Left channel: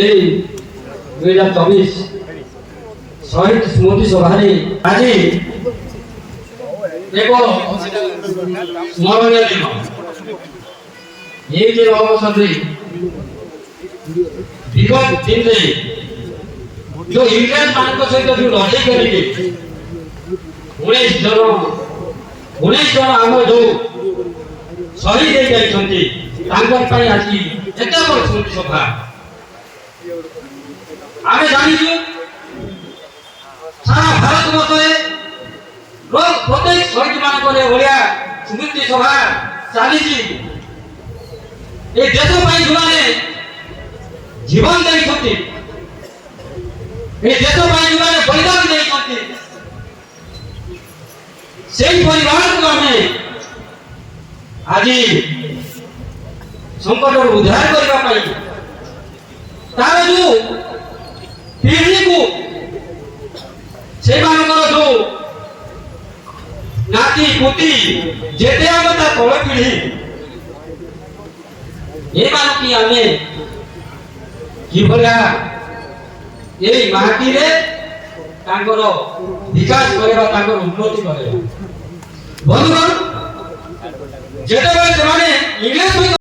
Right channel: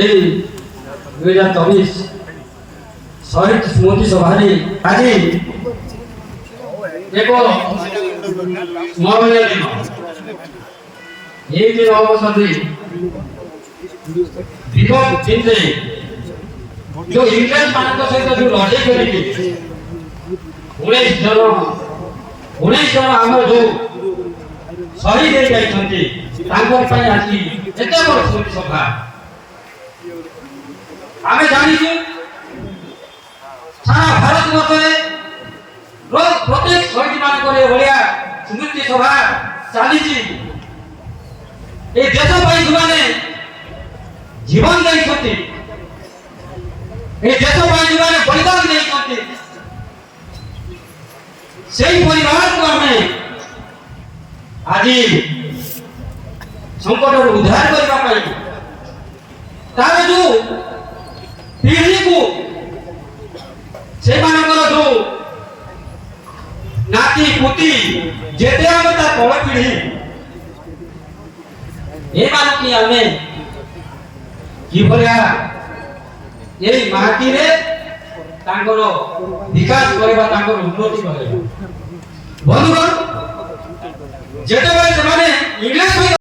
এই 2024 শহীদ স্মৃতি সভারে আজি এক স্মরণীয় দিন। এই দিন অবসরে বিগত দিনে जो इंग्लैंड मान सहित जो लड़ाई करेंगे 19 जन आम जो शहीद हो जाती आज एत बड़ स्मृति सभा आम जाचु सारा भारत वर्ष प्रत्येक शहीद मान भाया स्मृति सभा चली देश जो मैंने जीवन देते देश जो बलिदान देते परिवार को आम आज संकट उद्धार करने तार जो पीढ़ी को से जो नाती पुती जेते आम तल पीढ़ी ये आम कि भाया माटी रे विकास करवा उन्नति कर बंधुगण जेते इंग्लिश